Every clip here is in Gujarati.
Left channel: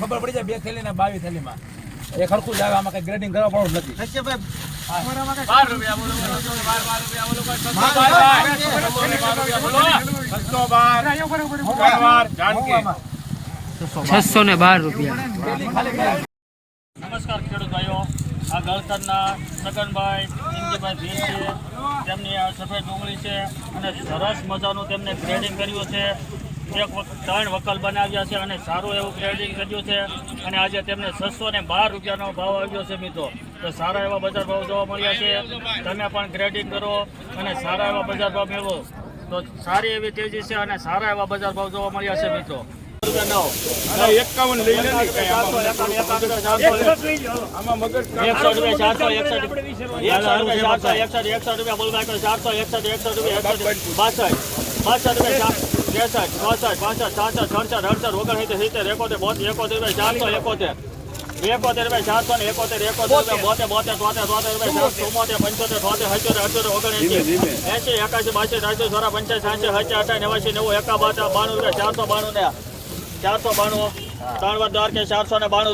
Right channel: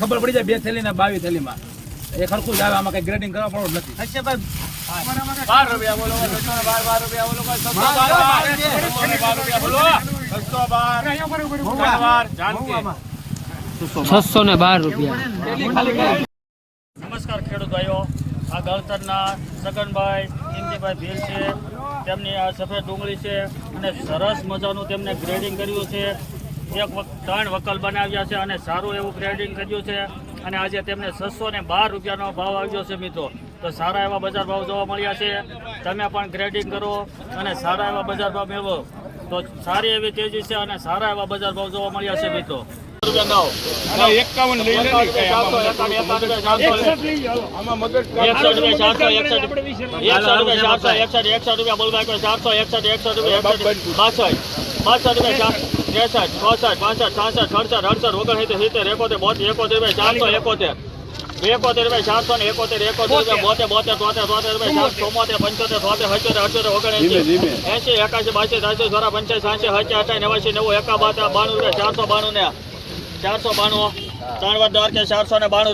ખબર પડી જાય 2 થેલી ના 22 થેલી માં એક હરખું જ આવે આમાં કઈ ગ્રેડિંગ કરવા પડતું નથી નમસ્કાર ખેડૂત ભાઈઓ, આ ગળતરના સગનભાઈ ઇન્દીભાઈ ભીલ છે, તેમની આ સફેદ ડુંગળી છે અને સરસ મજાનું તેમને ગ્રેડિંગ કર્યું છે. 3 વકલ બનાવ્યા છે અને સારું એવું ગ્રેડિંગ કર્યું છે અને આજે તેમને 612 રૂપિયાનો ભાવ આવ્યો છે મિત્રો. તો સારા એવા બજાર ભાવ જોવા મળ્યા છે. તમે પણ ગ્રેડિંગ કરો અને સારા એવા બજાર ભાવ મેળવો તો સારી એવી તેજી છે અને સારા એવા બજાર ભાવ જોવા મળ્યા છે મિત્રો. 51 લઈ લે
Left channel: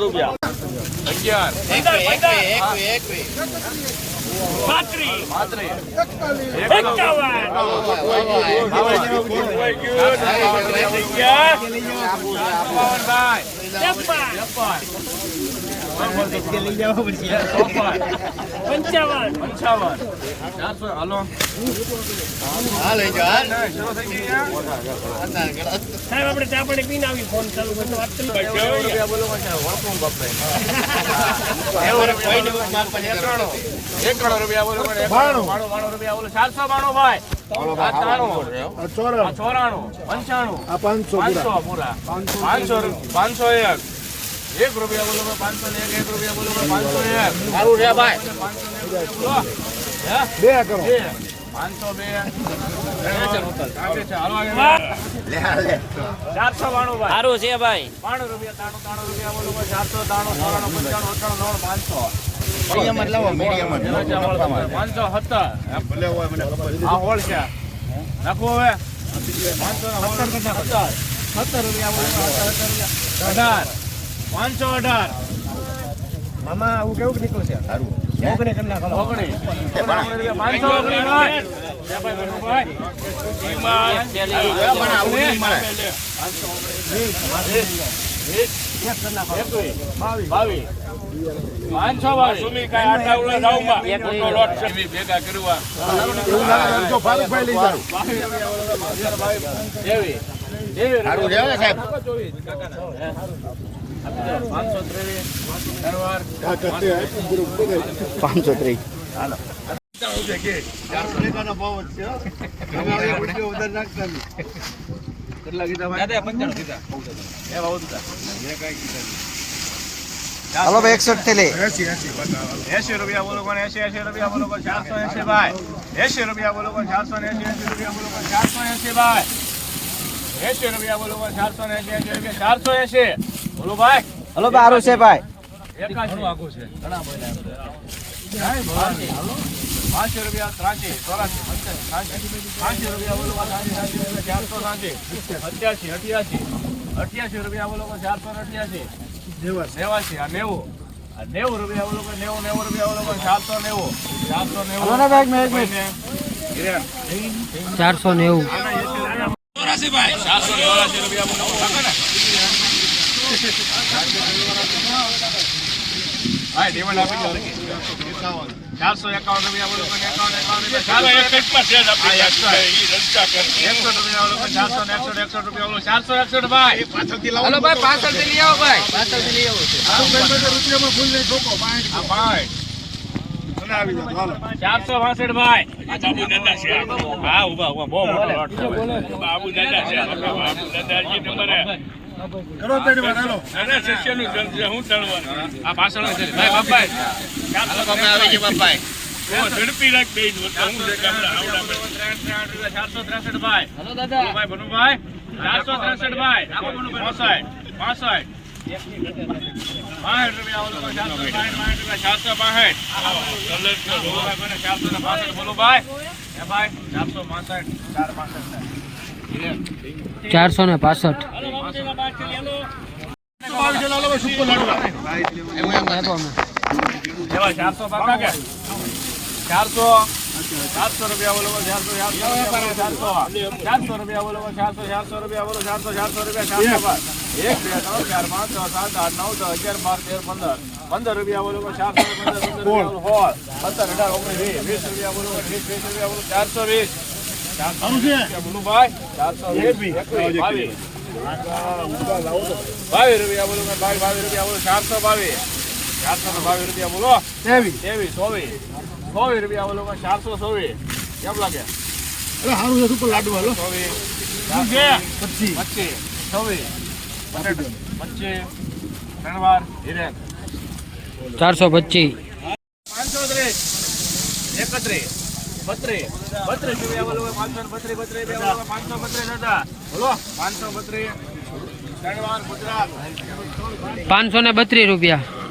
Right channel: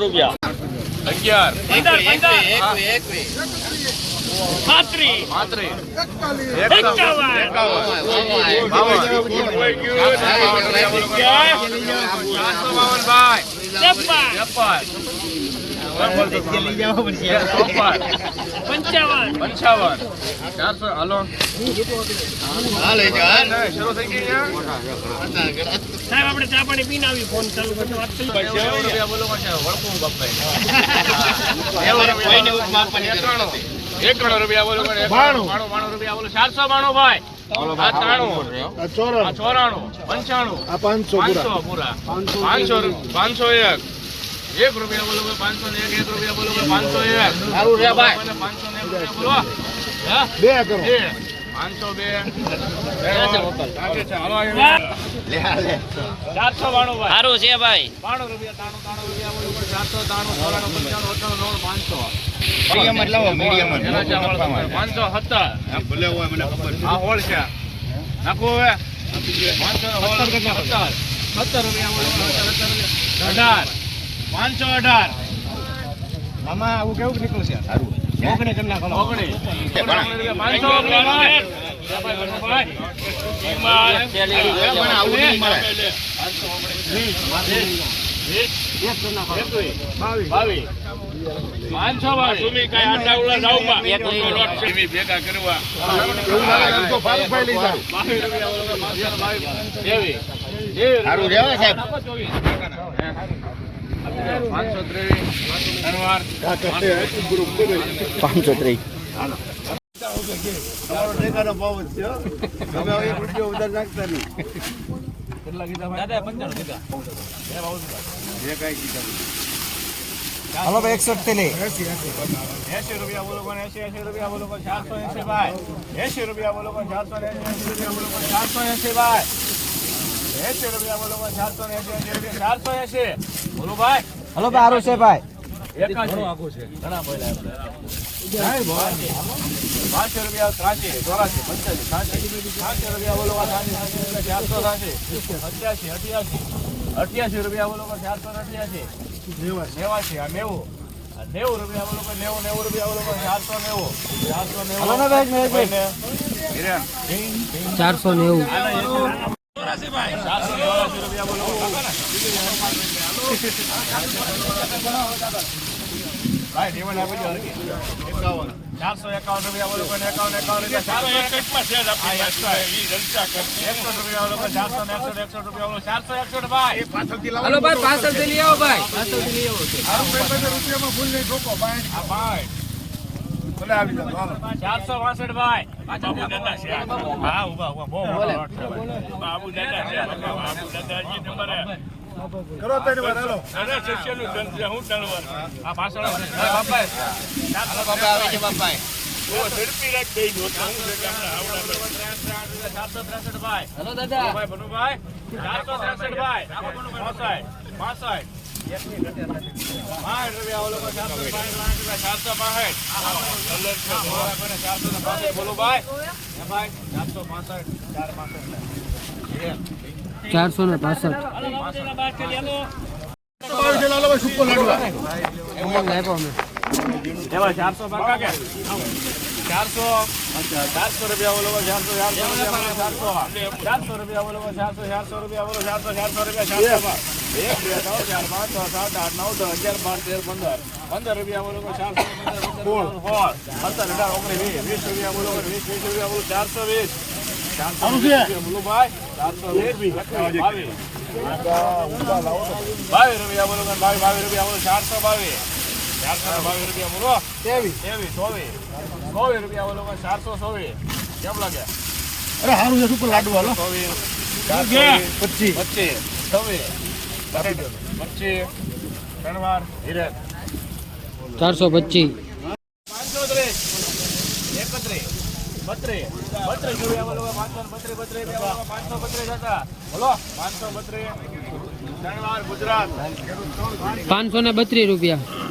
રૂપિયા. સાહેબ આપણે ચા પાણી પીને આવી ફોન ચાલુ કરતો વાત કરી 91 રૂપિયા બોલો 92 રૂપિયા બોલો 492 ભાઈ 94 95 પૂરા 501 1 રૂપિયા બોલો 501 1 રૂપિયા બોલો 501 સારું રે ભાઈ સારું છે ભાઈ 92 રૂપિયા 93 રૂપિયા બોલો 493 મીડિયમ જ લાવો, મીડિયમ જ 517 ભલે હોય મને ખબર આ હોલ છે નાખો હવે 517 રૂપિયા બોલો 518 મામા આવું કેવું નીકળ્યું છે? સારું ઓગણી તમને ખલો ઓગણી સારું છે સાહેબ 503 દાદા 95 કીધા હાલો ભાઈ 61 થી લે 80 રૂપિયા બોલો કોણ 80 રૂપિયા બોલો કોણ 480 ભાઈ 80 રૂપિયા બોલો કોણ 480 રૂપિયા બોલો કોણ 480 ભાઈ 80 રૂપિયા બોલો કોણ 480 480 બોલો ભાઈ હાલો ભાઈ આરું છે ભાઈ ઘણું આખું છે ઘણા બધા 500 રૂપિયા 83 84 85 રૂપિયા બોલો 480 88 88 રૂપિયા બોલો 488 89 આ 90 રૂપિયા બોલો 90 રૂપિયા બોલો 490 હાલો ને ભાઈ મેં 490 84 ભાઈ 484 રૂપિયા બોલો ભાઈ દેવન આપી દો 451 રૂપિયા બોલો 451 રૂપિયા 461 ભાઈ હાલો ભાઈ પાછળથી લઈ આવો ભાઈ પાછળથી લઈ આવો છે ભાઈ 462 ભાઈ હા ઉભા બહુ બોલે બાબુ દાદા છે દાદાજી નંબર કરો તેની વાત હાલો દાદા શિષ્યનું હું તણવાર આ પાછળ છે ભાઈ બાપાઈ 400 આવે છે બાપાઈ ઝડપી રાખ દઈ દો હું છે કામડા આવડા 463 ભાઈ હાલો દાદા ભાઈ બનુભાઈ 463 ભાઈ આપો બનુભાઈ 65 કેમ લાગે અરે હારું છે સુપર લાડુ હાલો 25 425 ગુજરાત 532 રૂપિયા